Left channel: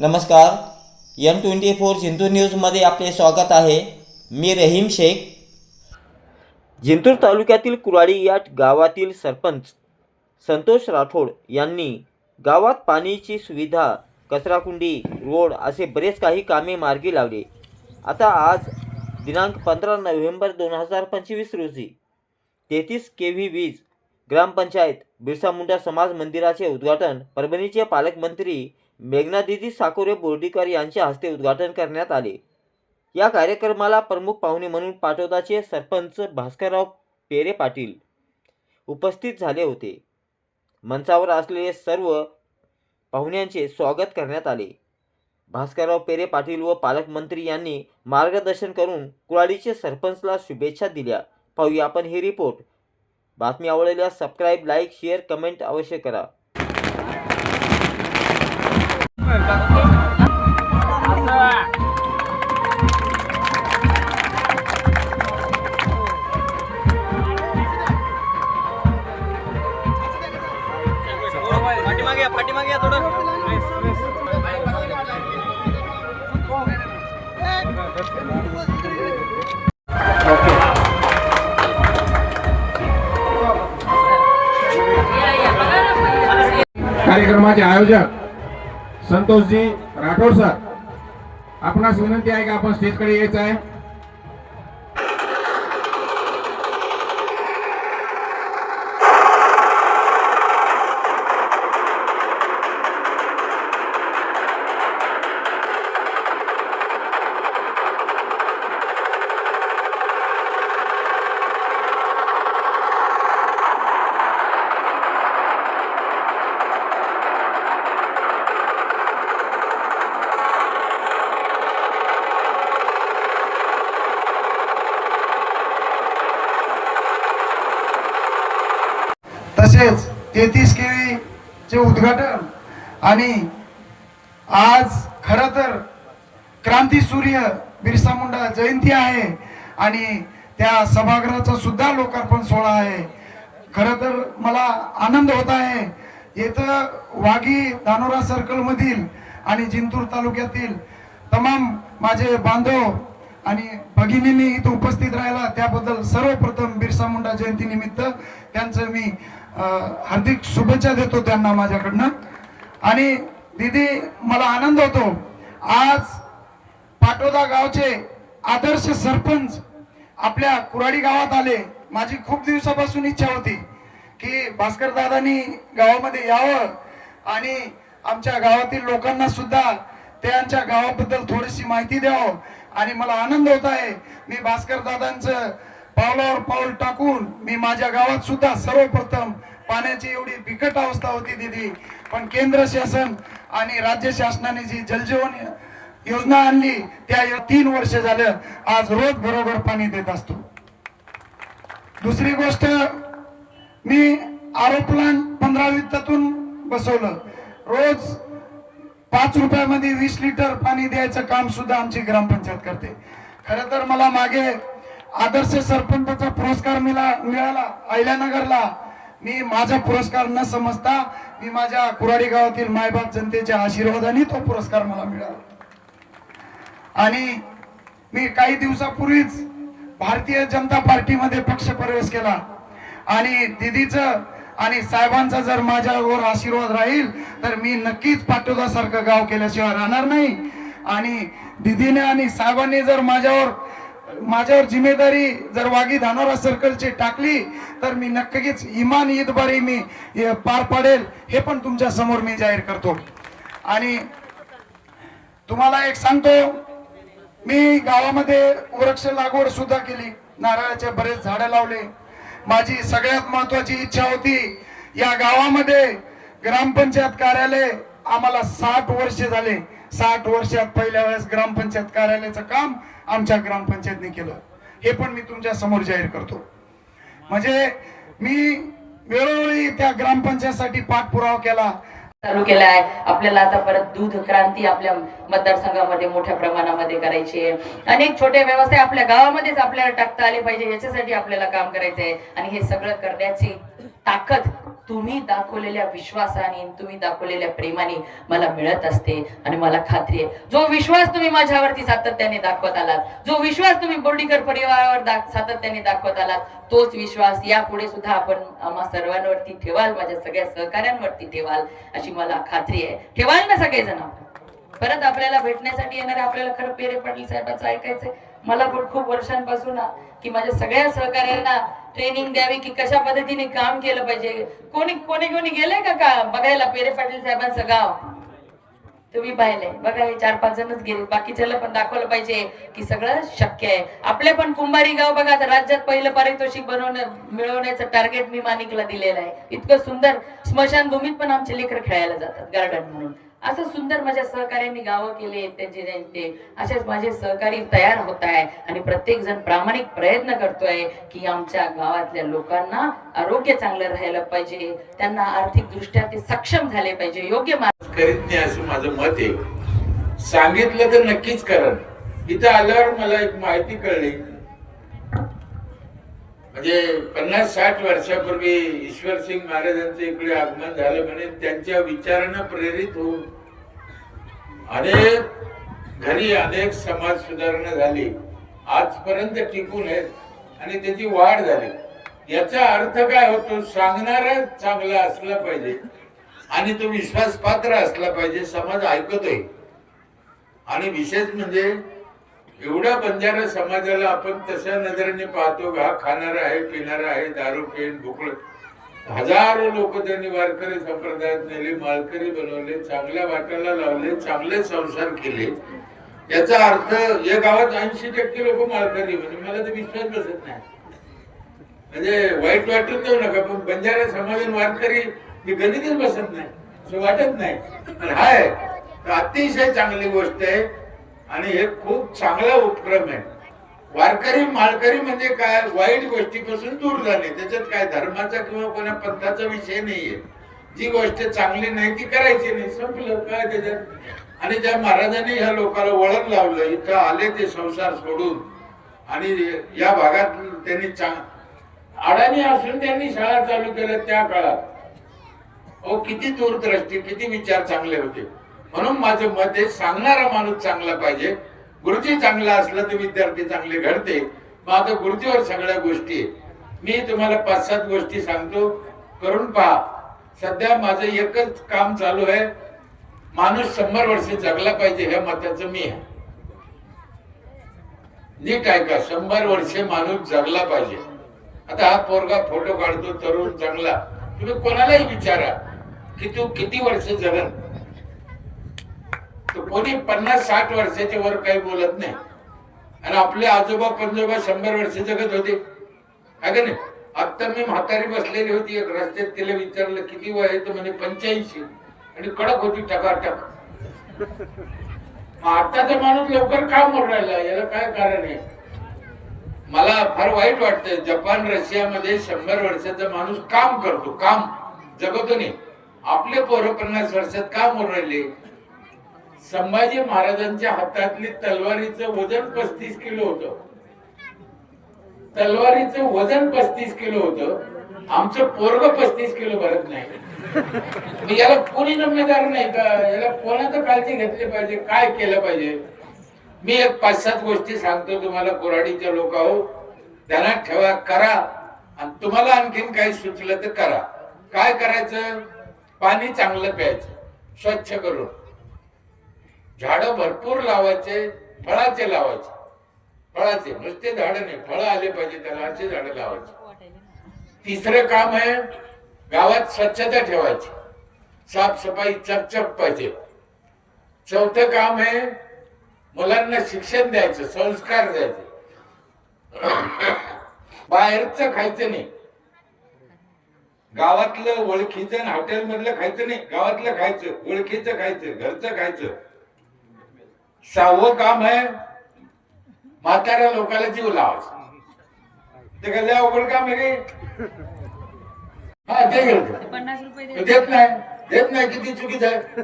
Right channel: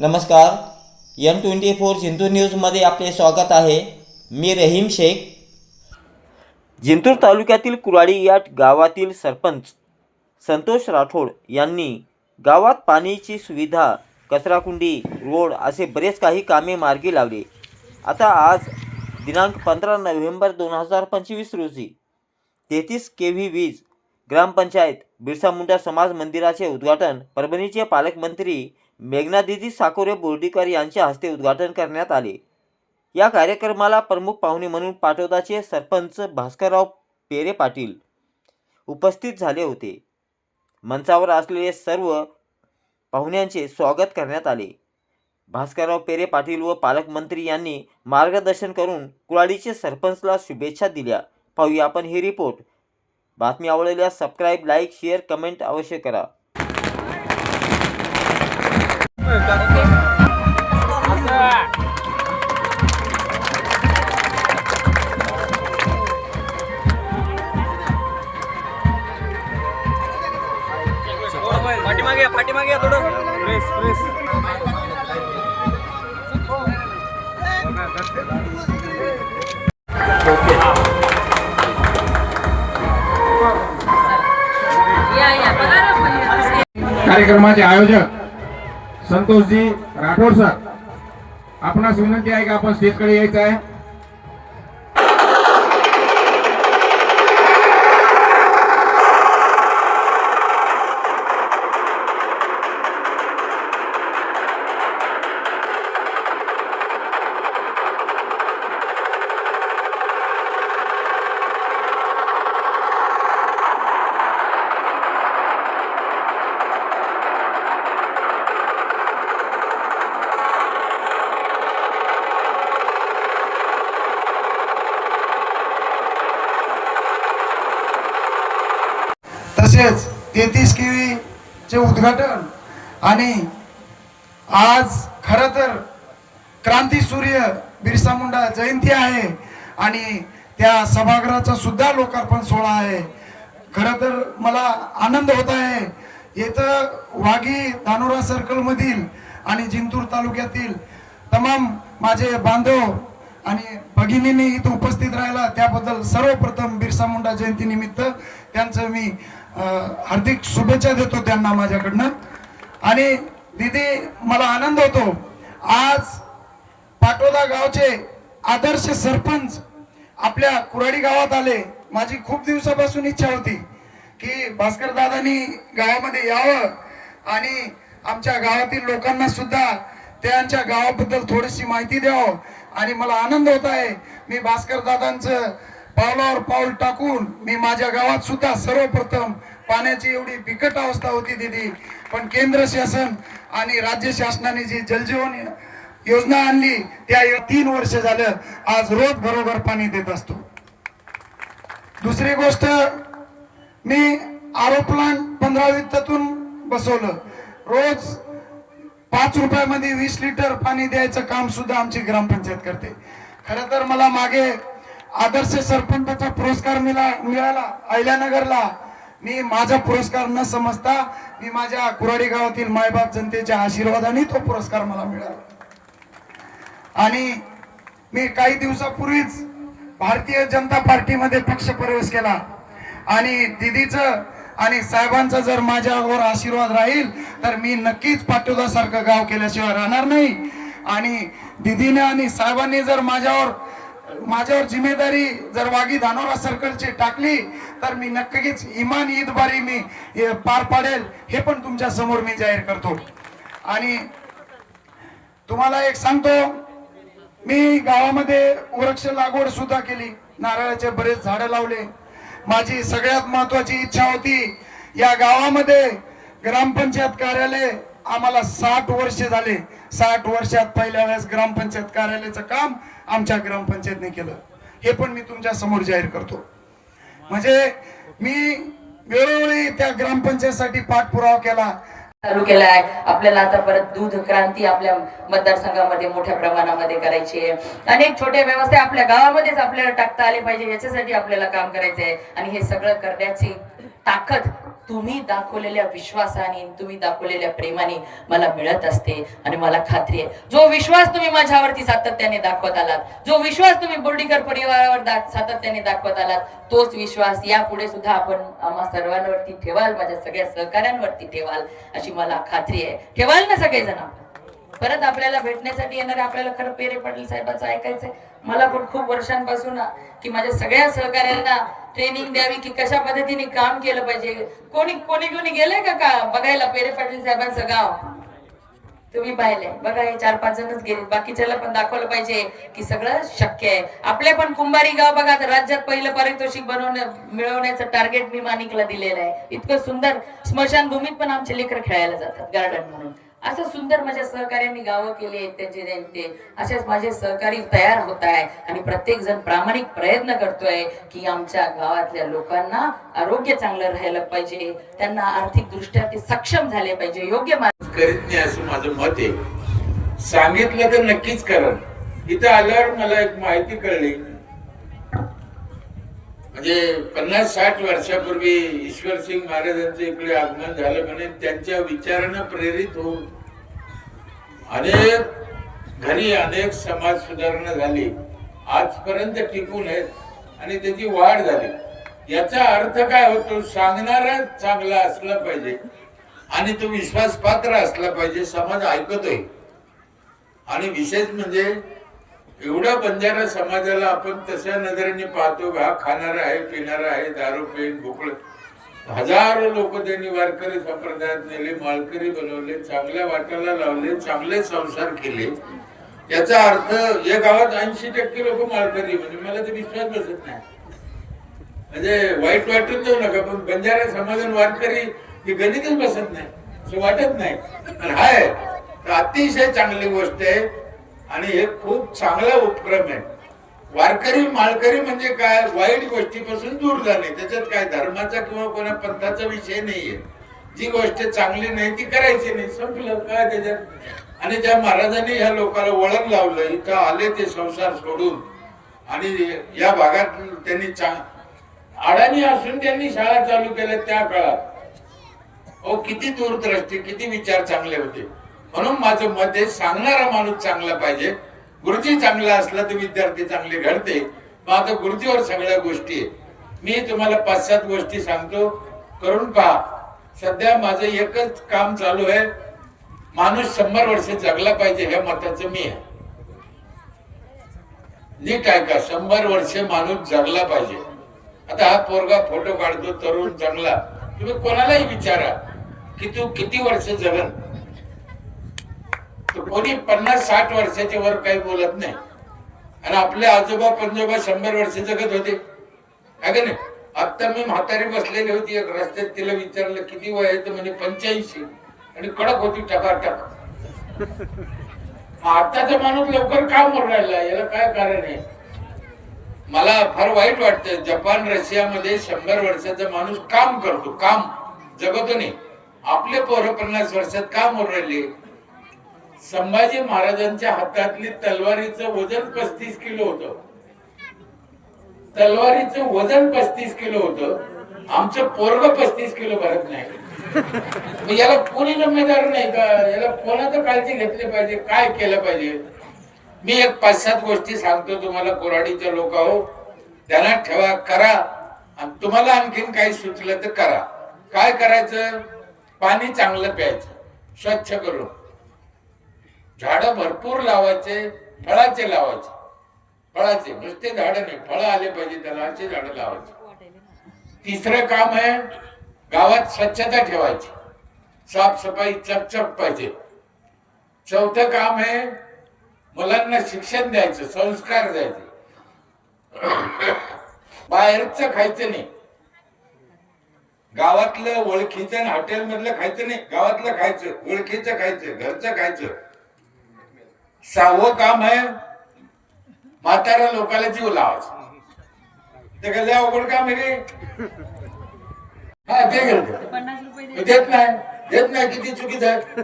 नमस्कार. M twenty four Jintur न्यूजमध्ये आपले स्वागत आहे. मी रहीम शेख. जिंतूर तालुक्यातील कुराडी या गावातील सरपंच संतोष राठोड यांनी गावात पाण्याची सुविधा कचराकुंडी रोड असे बरेच काही कामे मार्गी लावले. आता आज दिनांक पंधरा नोव्हेंबर दोन हजार पंचवीस रोजी तेहतीस के व्ही वीज ग्रामपंचायत बिरसा मुंडा समाज मंदिराचे उद्घाटन परभणीचे पालकमंत्री मेघनादिदी साकोरे बोर्डीकर यांच्या हस्ते उद्घाटन करण्यात आले. या कार्यक्रमाला प्रमुख पाहुणे म्हणून पाटोदाचे सरपंच भास्करराव पेरे पाटील उपस्थित झाले होते. मंचावर असलेले सर्व पाहुण्यांचे स्वागत करण्यात आले. भास्करराव पेरे पाटील व पालकमंत्री यांनी मार्गदर्शन करून कुळाडीचे सरपंचला शुभेच्छा दिल्या. पाहूया आपण ही रिपोर्ट. बातमी आवडलेल्या सबस्क्राईब लाईक शेअर कमेंट अवश्य करा. कार्यक्रमाचे आयोजक संतोषजी राठोड सर आपणास विनंती आहे की आपण स्टेजकडे यायचं आहे तसेच तेहतीस केवी चे उद्घाटन. आणि आज खर तर क्रांती सूर्य बिरसा मुंडा जयंती आहे आणि त्या सभागृहाचा सुद्धा लोकार्पण सोहळा आहे. खर तर मला आनंद होत आहे. येतं वाघी धानोरा सर्कल मधील आणि जिंतूर तालुक्यातील तमाम माझे बांधव आणि भगिनींनी इथं उपस्थित राहिला त्याबद्दल सर्वप्रथम बिरसा मुंडा जयंती निमित्त त्यांचं मी हार्दिक शुभेच्छा देतो त्यांना माझ्याकडनं. आणि दीदी मला आनंद होतो. आज पाटोदा गावचे आदर्श सरपंच आपल्या कुराडी गावात आले. माझी खूप दिवसापासून इच्छा होती की भास्कर दादानी गावामध्ये यावं आणि आमच्या गावातील लोकांना सुद्धा त्यांच्या गावाबद्दल थोडीशी माहिती द्यावं. आणि मला आनंद होत आहे. मी भास्कर दादांचं पावलावर पाऊल टाकून मी माझ्या गावात सुद्धा सर्वप्रथम पाण्याची एवढी बिकट अवस्था होती दिदी. पण केंद्र शासन आणि राज्य शासनाने जी जलजीवन योजना आणली त्या तीन वर्ष झालं आज रोज बरोबर पाणी देत असतो. दुसरी गोष्ट मी आरो प्लांट पंधरा वित्तातून बसवलं. रोज पाच रुपयामध्ये वीस लिटर पाणी द्यायचं काम सुद्धा आमची ग्रामपंचायत करते. खर तर मला मागे आदर्श सरपंचाचा पुरस्कार मिळा मिळाला अहिल्यानगरला. मी माझा पुरस्कार न समजता मी माझ्या कुराडी गावातील मायबाप जनतेच्या आशीर्वादाने तो पुरस्कार मला मिळाला. आणि मी काही दिवसापूर्वीच भारतीय जनता पार्टीमध्ये पक्ष प्रवेश केला. आणि दिदीचं आणि साहेबांचा जर माझ्यावर आशीर्वाद राहील तर मी नक्कीच पाटोदा सारखं गाव केल्याशिवाय राहणार नाही. आणि दिदीने आणि साहेबांनी जर माझ्यावर माझ्यावर जिम्मेदारी जर वागी धानोरा सर्कलची टाकली तर मी नक्कीच इमान ईदबारी मी पार पाडेल हे पण तुमच्यासमोर मी जाहीर करतो. आणि तुम्हाला एक सांगतो मी गावामध्ये वृक्ष लागवड सुद्धा केली नारळाचे बरेच झाडं लावले. माझी सगळ्यात महत्वाची इच्छा होती या गावामध्ये ग्रामपंचायत कार्यालय आम्हाला साठ वर्ष झाले. साठ वर्षात पहिल्या वेळेस ग्रामपंचायत कार्यालयाचं काम आमच्या ग्रामपंचायतने केलं. हे पण मी तुमच्यासमोर जाहीर करतो. म्हणजे मी वेळोवेळी त्या ग्रामपंचायतसाठी पाठपुरावा केला. चालू केला आहे आपल्याला आता परत दूध क्रांती आपल्या मतदारसंघामध्ये मोठ्या प्रमाणामध्ये करायची आहे. अनेक छोटे व्यवसाय आपल्या गावामध्येच आपल्याला टाकता आले पाहिजे. याच्यासाठी आपल्याला काम करायचं आहे आणि हे सगळं करण्याची ताकद तुम्ही दाखवलेल्या विश्वासाने तुम्ही दाखवलेल्या प्रेमाने मला मिळत असते आणि मला खात्री आहे. जो विश्वास तुम्ही माझ्यावरती सातत्याने दाखवत आलात जो विश्वास तुम्ही बोर्डीकर परिवारावर दा- सातत्याने दाखवत आलात तोच विश्वास यापुढे सुद्धा आपण आम्हा सर्वांवरती ठेवाल माझ्या सगळ्या सहकाऱ्यांवरती ठेवाल अशी मला खात्री आहे. ठेवाल ना सगळेजण आपण? परत आपल्याला भेटण्यासाठी येणार आपल्याला खरं पेरे पाटील साहेबांचं ऐकायचंय. मला पण खूप वर्षांपासून की माझ्या सगळ्या सहकार्यांना ट्रेनिंग द्यावी की कशा पद्धतीने काम केलं पाहिजे? कोणी कोणी कोणी गेलंय का का बघायला? पेरे पाटील साहेबांचं गाव. तुम्ही पाहिलंय. बघा हे चार पाच जणच गेले. बाकीच्याला पण दाखवलं पाहिजे की सगळं शक्य आहे. आपले पण कुंभारी गाव बघा आता राज्यात पहिलं पारितोषिक बनवणं मिळवण्याचं टार्गेट मी मानिकला दिलेलं आहे. इतकं सुंदर स्मशानभूमीत पण आमचे लेकर खेळायला जातात गार्डन म्हणून. असं सुंदर माझ्या सहकार्यांनी गावं केले त्यांचे त्यांचे अशाच माझे सहकारी तयार होत आहे आणि प्रत्येक जण प्रामाणिक प्रयत्न करतोय की आमच्या गावातल्या लोकांना आरोग्य चांगलं राहायला पाहिजे. त्यांना आर्थिक दृष्ट्या ते सक्षम झाले पाहिजे. योग्य मार्ग करीत नाही असं माझं मत आहे. सांगितलं तर नक्कीच करण. इथं आल्यावर मला एक माहिती कळली. म्हणजे पन्नास साठ वर्षापूर्वी ईश्वर सिंग महाराजांचं इकडे आगमन झालं म्हणे त्यांच्या विचारानं प्रेरित होऊन अनेक घरी अनेक समाज सुधारणा झाली. आजपर्यंत टिकून आहेत आणि त्याची वाढ झाली. याचा अर्थ काय होतो? सांगणारा चांगला असला पाहिजे आणि तो विश्वासपात्र असला पाहिजे समाज ऐकतोय. आणि विशेष म्हणजे एवढ्या बंजारा समाजाला आपण तशा नजरेने पाहतो हा खाणारा आहे पिणारा आहे दारू पेन भोकळ हजारो लोक त्यांनी वारकरी संप्रदायात नेले मालकरी बनवले चांगल्या वाटाला लावले चांगले संसार केले. याचा अर्थ या गावात ऐंशी टक्के लोक मालकरी म्हणजे मला ते विश्वास बसत नाही. म्हणजे वाईट वाटून जाऊ नका पण बंजारा समाजात वारकरी हे गणितच बसत नाही. असं वाटत नाही. पण हाय अतिशय चांगली गोष्ट आहे. आणि हे खूप चांगला उपक्रम आहे. वारकरी मालकरी म्हणजे काय? वाईट गोष्टीपासून दूर जाणे. त्याच्यात काय? धर्माचा किंवा कोणा पंथाचा विषय नाहीये. जी गोष्ट चांगली नाही ती करायची नाही. संपलं काय त्याच्यात? आणि ज्या महाराजांनी ह्या लोकांना वळण लावलं इथं आले ते संसार सोडून. आणि या भागात त्यांनी चांग अडाणी असून त्यांनी शाळा चालू केल्या त्या काळात. अहो किती दूरदृष्टी किती विचार चांगले होते. म्हणून माझं मत आहे सांगणारा माणूस चांगला पाहिजे. गुरुजी चांगला असला तर विद्यार्थी चांगले घडते. मग आता गुरुजीवर सगळ्या गोष्टी आहे मी तुम्हाला पाच सात गोष्टी सांगतो. करून पहा. सध्या माझं एकच काम चालू आहे. माणूस शंभर वर्ष जगला पाहिजे ह्या मताचं मी आहे. नीट ऐका शंभर वर्ष माणूस जगला पाहिजे. आता हा पोरगा फोटो काढतो तरुण चांगला. तुम्ही कोणालाही विचारा की तू किती वर्ष जगन कोणी पन्नास साठ वर्षाच्या वर काही बोलत नाही. आणि आपले आजोबा पंजोबा शंभर वर्ष जगत होते. आहे का नाही? आता मी म्हातारी बसलेली होती एक रस्त्यात तिला विचारलं किती वय आहे? तर म्हणे पंच्याऐंशी. आणि कडक होती टकाटक मग आताचा माणूस लवकर का मरून राहिला याला काय कारण आहे? मला फार वाईट वाटतं जपान रशियामध्ये शंभर वर्षाचा माणूस काम करतो काम. जगतो नाही. आपले पोरं पन्नास वर्षात का मरून राहिले. संभाजी महाराजांच्या हातातली तलवारीचं वजन पस्तीस किलो होतं. तलवारीचं वजन पस्तीस किलो होत. आमचं पोरग पस्तीस किलो भरत नाही. याला कोणी जिम्मेदार नाही का? याला कोणाचं काळजी घेतली पाहिजे? काय केलं पाहिजे? मी एक पाच सात गोष्टी सांगतो तुम्हाला कोराडीच्या लोक हो त्यांना ठेवा करा. आणि तुम्हाला आणखीन काही सुचलं तर करा. काय करायचं? पाणी चांगलं प्यायचं. स्वच्छ करून. झाडं भरपूर लावायचे फळाचे लावायचे. फळाचे नुसते झाडं नाही फळ आले पाहिजे त्याला असे झाड लावायचे. तिसरं काम आहे गावात स्वच्छता ठेवायची. साफसफाई चकचक पाहिजे. चौथं काम आहे मुलांना शिक्षण द्यायचं संस्कार द्यायचे. बाहेरचं खायचं नाही. गावातलं ओळखीचं आणि हॉटेल मधलं खायचं नाही. गावातलं खायचं ओळखीचं खायचं घरचं खायचं. सहावं काम आहे. म्हाताऱ्या लोकांना जीव लावायचा. ते कसं अवघड काम आहे रे? हा ते घेतो देत. नाही. देत नाही किती चुकीचं आहे.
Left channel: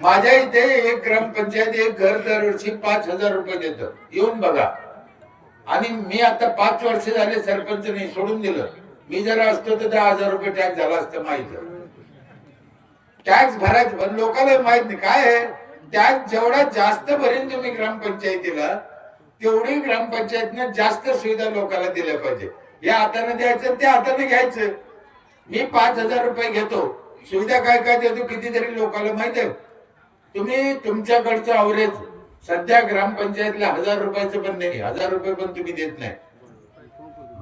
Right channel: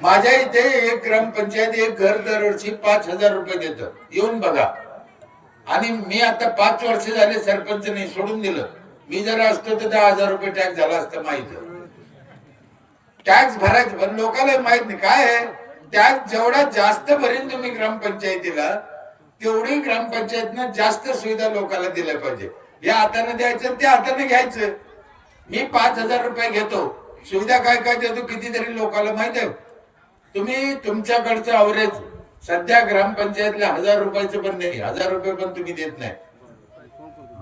माझ्या इथे एक ग्रामपंचायत एक घर दरवर्षी पाच हजार रुपये देत. येऊन बघा. आणि मी आता पाच वर्ष झाले सरपंच नाही सोडून दिलं. मी जर असतो तर दहा हजार रुपये टॅक्स झाला असतं माहीत. टॅक्स भरायचं पण लोकांना माहीत नाही. काय आहे? त्यात जेवढा जास्त भरीन तुम्ही ग्रामपंचायतीला तेवढी ग्रामपंचायतनं जास्त सुविधा लोकांना दिल्या पाहिजे. या हाताने द्यायचं त्या हाताने घ्यायचं. मी पाच हजार रुपये घेतो. सुविधा काय काय देतो कितीतरी लोकांना माहीत आहे? तुम्ही तुमच्याकडचं अवरेज सध्या ग्रामपंचायतला हजार रुपयाचं पण नाही हजार रुपये पण तुम्ही देत नाही.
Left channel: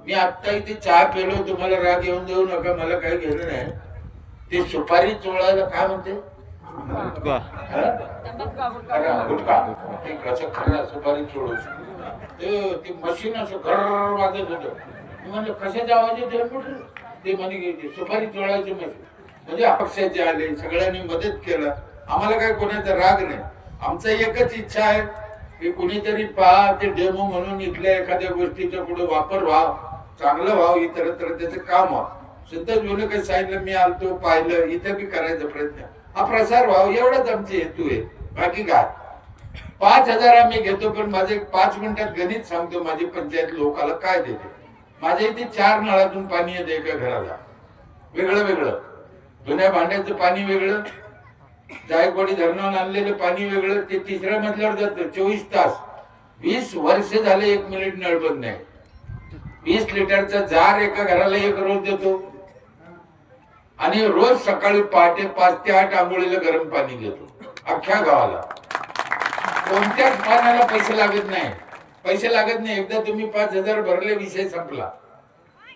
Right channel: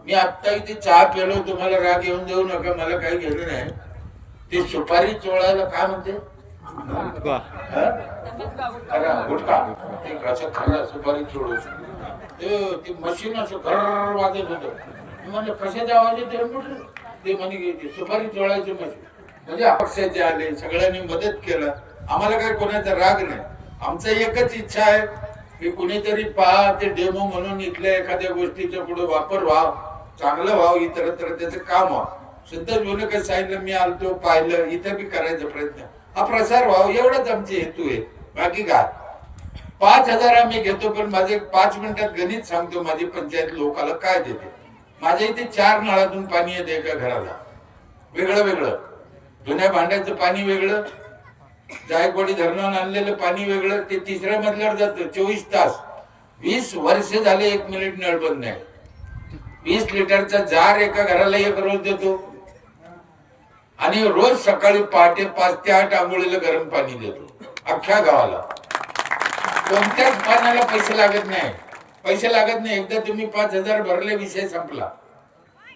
मी आता इथे चहा पेलो तुम्हाला राग येऊन जाऊ नका मला काही घेणं नाही. ते सुपारी चोळायला काय म्हणते? गुटका गुटका ते कसं खरा सुपारी चोळू ते- ते मशीन असं घर वाजत होतं. मी म्हणलं कशाचा आवाज येतो म्हटलं? ते म्हणे सुपारी चोळायचं मशीन म्हणजे अपक्षाचे आले सगळ्यांनी मदत केलं. आम्हाला काही कोणाचा राग नाही. आमचा एकच इच्छा आहे की कुणीतरी पहा ते डेमो म्हणून इथल्या एखाद्या गोष्टीचा पुढे वापर व्हाव. चांगलं व्हाव इतरत्र त्याचं काम व्हावं. सुद्धा जुनं काही सांगितलं मी आलतो पाहिलं इथे बी करायचा प्रयत्न. हा प्रसार व्हावा एवढाच आमचे हेतू आहे. बाकी काय? पाच हजार आम्ही घेतो पण माझे पाच मिनिटात गणित सांगतो माझी पंचायत लोकाला काय देते? माझ्या इथे चार नळातून पाणी येते एका घराला. वेगळं वेगळं. जुन्या भांड्याचं पाणी वेगळं. जायकवाडी धरणावर आणलेलं पाणी वेगळं. ते तिसऱ्या मजल्यावर जातं चोवीस तास. वीस वर्ष झाले एक मिनिट नळ बंद नाही. वीस लिटरचा जार एका घराला एक रोज देतो. आणि रोज सकाळी पहाटे पाच ते आठ आंघोळीला गरम पाणी देतो. अख्ख्या गावाला. कोणत्याच पाण्याला पैसे लागत नाही. पैसे लागत नाही. एकदा तुम्ही पाच हजार भरले विषय संपला.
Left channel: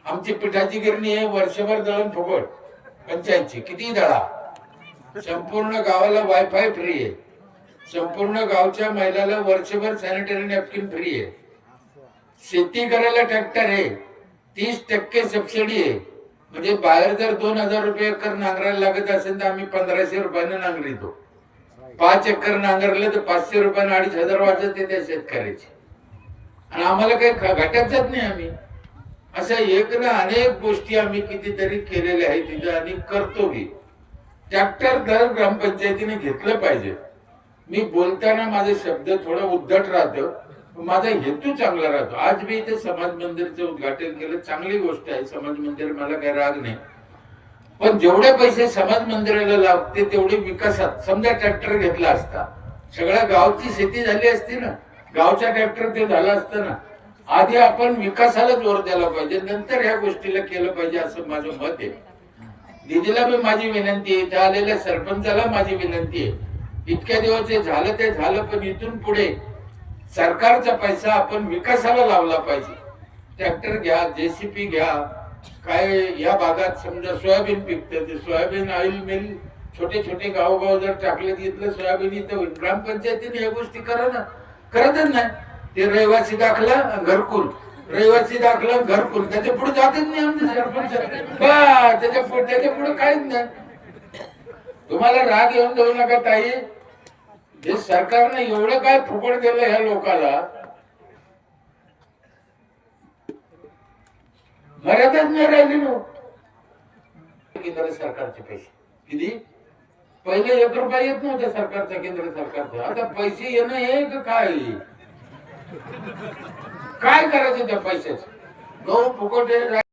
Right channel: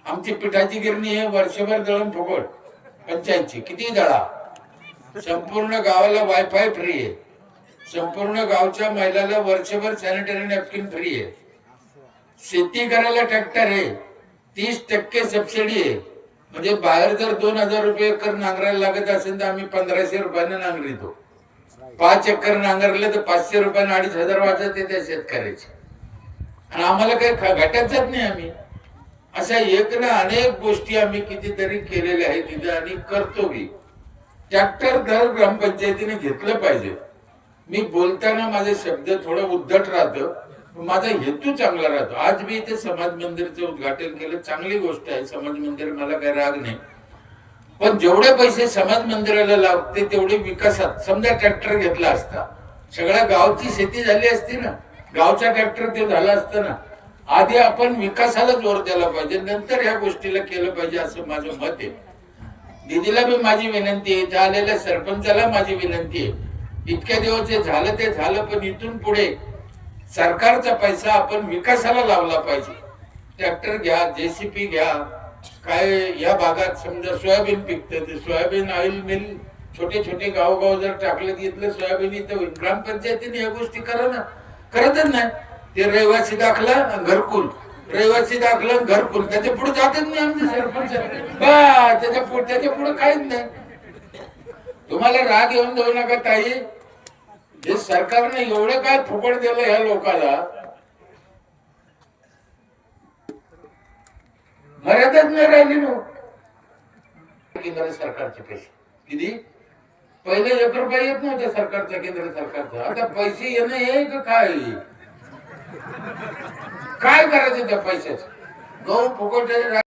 आमची पिठाची गिरणी आहे वर्षभर दळण फुकट पंचायतची किती दळा? संपूर्ण गावाला वायफाय फ्री आहे. संपूर्ण गावच्या महिलाला वर्षभर सॅनिटरी नॅपकिन फ्री आहे. शेती करायला ट्रॅक्टर आहे. तीस टक्के सबसिडी आहे. म्हणजे बाहेर जर दोन हजार रुपये एकर नांगरायला लागत असेल तर आम्ही पंधराशे रुपयानं नांगरितो. पाच एकर नांगरलं तर पाचशे रुपयानं अडीच हजार वाजत आहे त्या शेतकऱ्याचे. आणि आम्हाला काही घटत जात नाही आम्ही. अशा एक ना अनेक गोष्टी आम्ही कितीतरी केलेल्या आहेत तिथं आणि करतो बी ट्रॅक्टर दर ग्रामपंचायतीने घेतलं पाहिजे. मी बोलताना माझे शब्द थोडं उद्धट राहतं. माझा हेतू चांगला राहतो. आज मी इथे समाज मंदिरचं उद्घाटन केलं. चांगली गोष्ट आहे. समाज मंदिर मला काही राग नाही. पण जेवढे पैसे समाज मंदिराला लागते तेवढे विकासात. समजा ट्रॅक्टर घेतला असता. सगळ्या गावची शेती झाली असती ना. गावचा ट्रॅक्टर ते झाला असतं ना. आधी आपण विकासाला जोर द्यायला पाहिजे. नंतर ह्या गोष्टीला केलं पाहिजे असं माझं मत आहे. दिदीला बी माझी विनंती आहे. इथे आलेल्या सरपंचाला माझी विनंती आहे. इतक्या दिवस जे झालं ते झालं पण इथून पुढे सरकारचा पैसा आपण विकासाला लावला पाहिजे. ट्रॅक्टर घ्या जेसीपी घ्या काय या भागात समजा सोयाबीन पिकतं ते सोयाबीन ऑइल मिल छोटे छोटे गावगाव जर टाकलं घेतलं सोयाबीन इथं ग्रामपंचायतीने या गोष्टी करा ना करतच नाही. ते रहिवासी दाखला आणि घरकुल. रहिवासी दाखला आणि घरकुल. त्याच्या पुढे जातच नाही आमचं सरपंच. बा त्याच्या पुढे त्याच्या पुढे काहीच नाही. तुम्हाला राग येऊन जाऊ नका ताई. जे सरकारनं एवढं काय फुकट दिलं ह्या लोकाला मर्यादाच नाही राहिली केंद्र सरकारचे पैसे. किती? पहिले एक रुपया येत नव्हते सरकारचा केंद्र सरकारचा. आता पैसे येणं हे का काय? काय करायचं त्या पैशाचे? गहू फुकट